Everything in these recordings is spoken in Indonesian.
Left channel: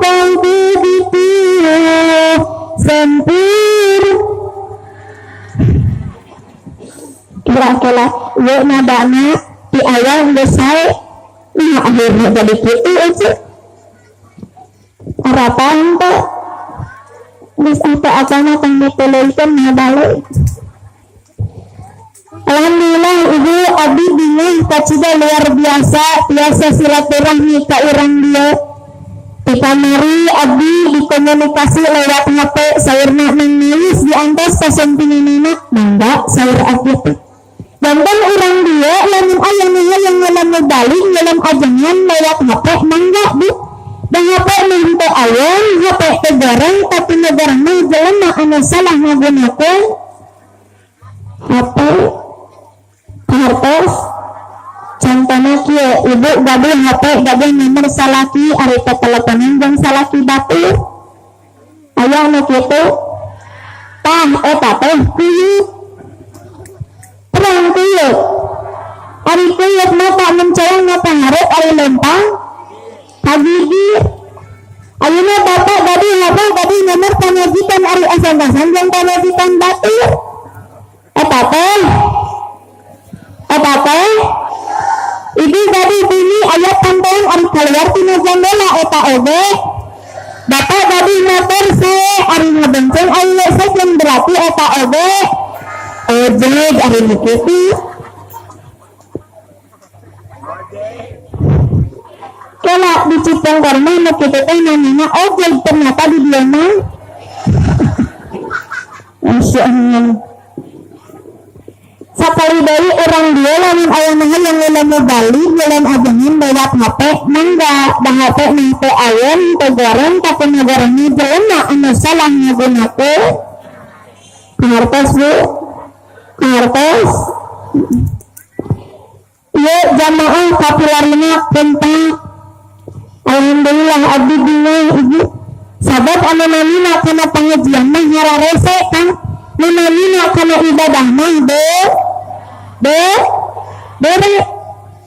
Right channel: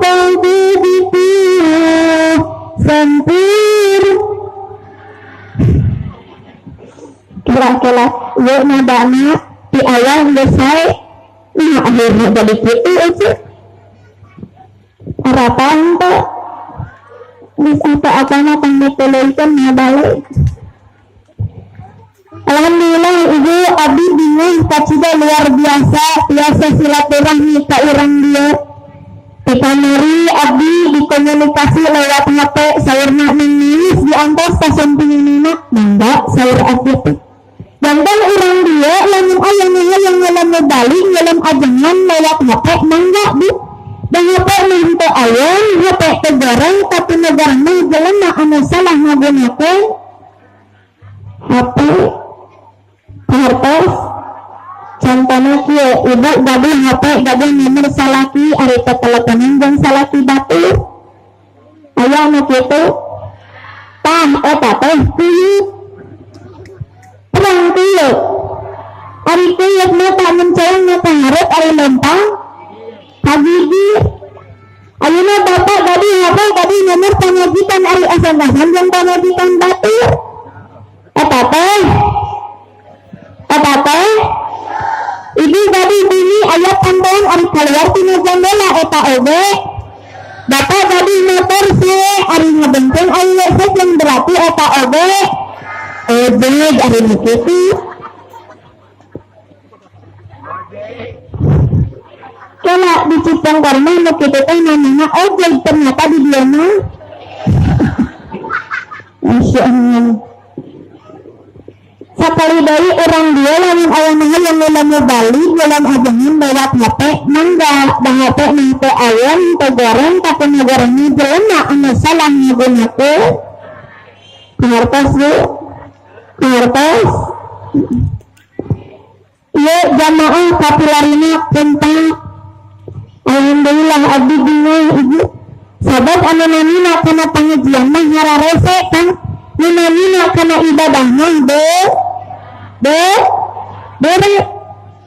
kalbi fiha sempir kira-kira yuk nadana di awal selesai nah akhirnya jadi gitu aja harapan tuh terus apa-apanya yang dipilihkan balik. Alhamdulillah ibu abdi bingung kacida luar biasa silaturahmi ke orang dia kita mari abdi dikomunikasi lewat HP sayurna menangis di antas kasampinginina mangga sayur abdi tuh jantan orang dia lamun ayang ngalam balik ngalam ajangan lewat HP mangga bu dan HP nanti ayam HP kegarang tapi negaranya jalan anu salah ngagunakan HP hartos contohnya kieu ibu gaduh HP gaduh nomor salaki ari teleponan jeung salaki batur aya anu kitu tah eta teh kieu terang kieu ari kieu mata mencelang ngapangarep ari lempang hagigi ayeuna bapak gaduh HP gaduh nomor pamajikan ari asal-asalan jeung pamajikan batur eta teh ibu tadi bini ayat tambahan ari keluar tina jendela eta oge bapak tadi motor saya ari ngebenceng ayat sajen berarti eta oge ojek ari nikiti kala di Cipong karena nikiti teh namanya ojek ternyata di dia mah Masya Allah sakali dari orang dia lamun ayana yang ngelamu balik dalam ajangan lewat HP mangga dah HP nanti ayam tegaran tapi negaranya jelema anu salah ngagunakeun ngartos bu ngartos ieu jamaah kapilarina penting alhamdulillah abdi bingung ibu sahabat anu namina kana pengajian mah hararese kan nu namina kana ibadah mah Bere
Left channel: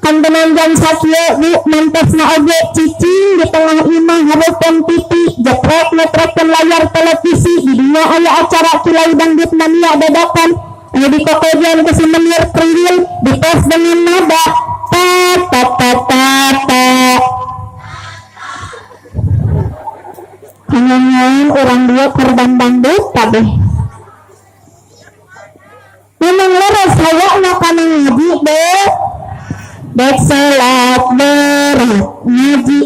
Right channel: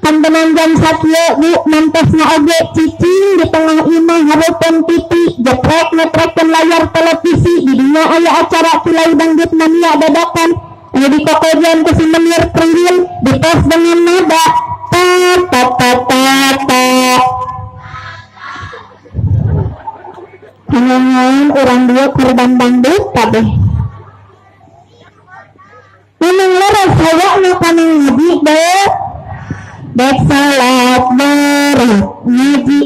kan benanjang sakio di mantesna oge cicing di tengah imah hareupeun TV jeprek-ngetrekkeun layar televisi di dinya aya acara kilai dangdut mania dadakan anu di kokojian ke si menir kriwil di tes dengan nada ta kangen orang dia korban dangdut kabeh memang leres hayakna kana ngaji dek salat berat ngaji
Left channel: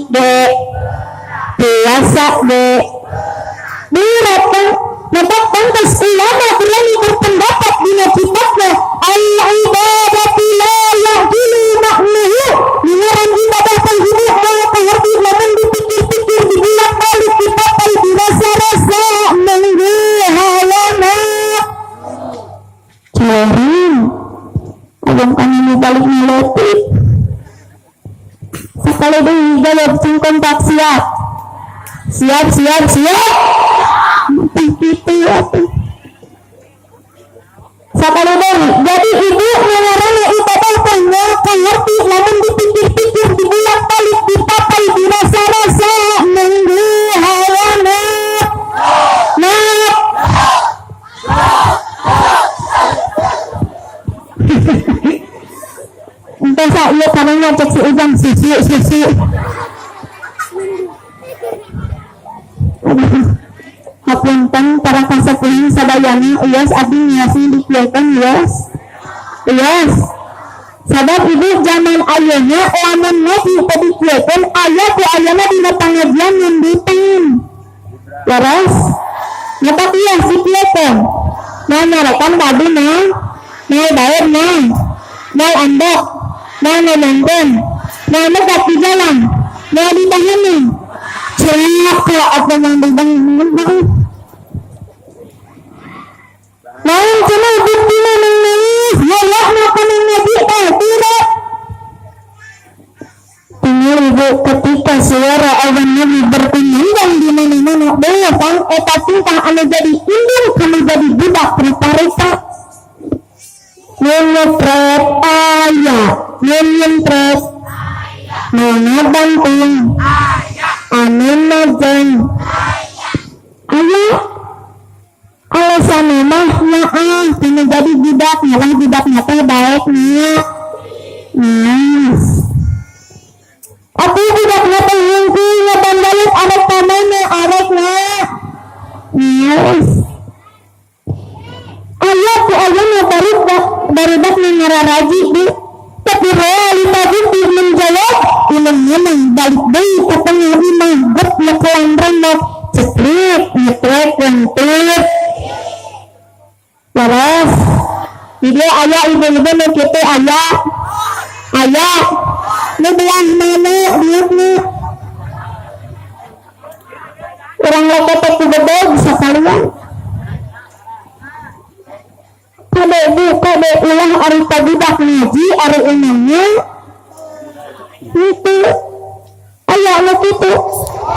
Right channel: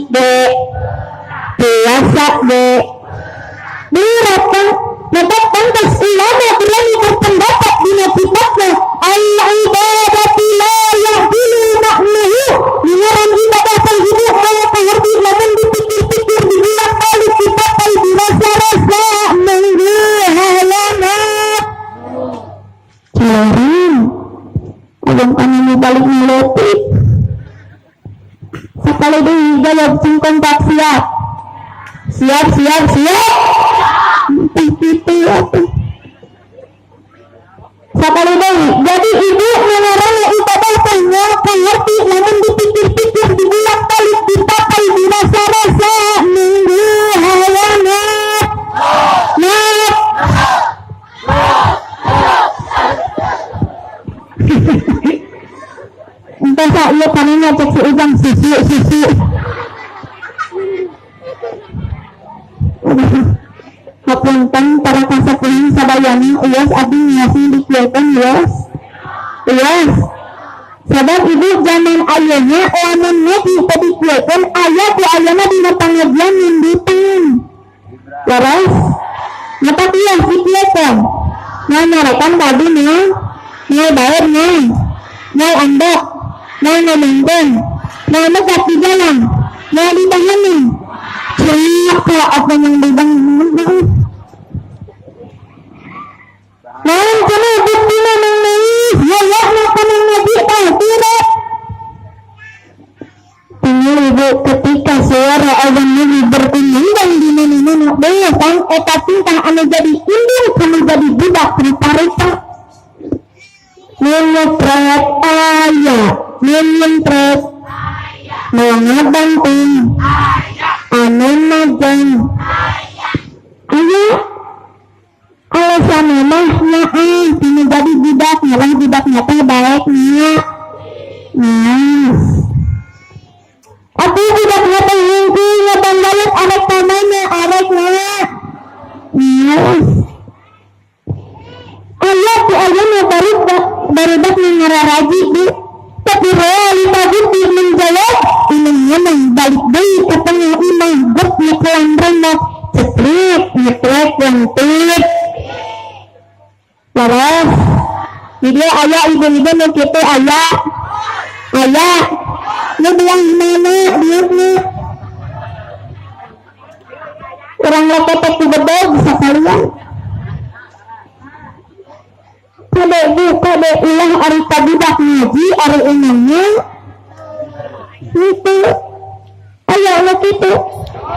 puasa berat kan dapat pantas ulama berani berpendapat dina kitabna al-ibadatu la yahdilu maknahu mengaran ibadah hidup kaya pengerti lamun dipikir-pikir dibolak-balik dipakai dirasa-rasa mengghalana Celerang ayam panini balik ngelutip sekali dulu jawab kontak siap pipi atuh sekali dulu jadi ibu mengarang ibadah tanya pengerti namun dipikir-pikir dibolak-balik dipakai dirasa-rasa mengghalana entah saya karena cek si ujang sisi hapunten para kasepuhan sadayana ias abdi niasi dikieukeun ias sabab ibu zaman ayeuna lamun ngaji teu dikieukeun aya ku ayeuna dina pangajian ngundipan leres nyata ias dikieukeun nah nyarekan tadi mah bayar mau andok mau nonton mau lekat di jalan mau ditahani siapa apa yang dibangun mau cuma bukti nangis ya apa yang nabi tidak tinggal ibu ketika suara azan nabi berkumandang di mana-mana dia kan eta tingkah anu jadi indung kami jadi budak priparita menyetret ayat menyetret mengabantung ayat anana jeng aya alasan mah maaf tina jadi budak nyalah budaknya teh baiknya nice tapi budaknya teh ngungku ngebandaluk arek tamana arek na nice Allah tu ayana barudak ngararaji bu tapi realita itu menjawab ulang-ulang balik deui ka tengah imah gep ngekelambrang mah ceplek ngeplek lentit waras jadi ayah ibu-ibu nu kitu ayah nu belah mana dietna orang leketek ku gede bisa kalian kade ulah ari budak ngaji ari umumnya itu aya nu kitu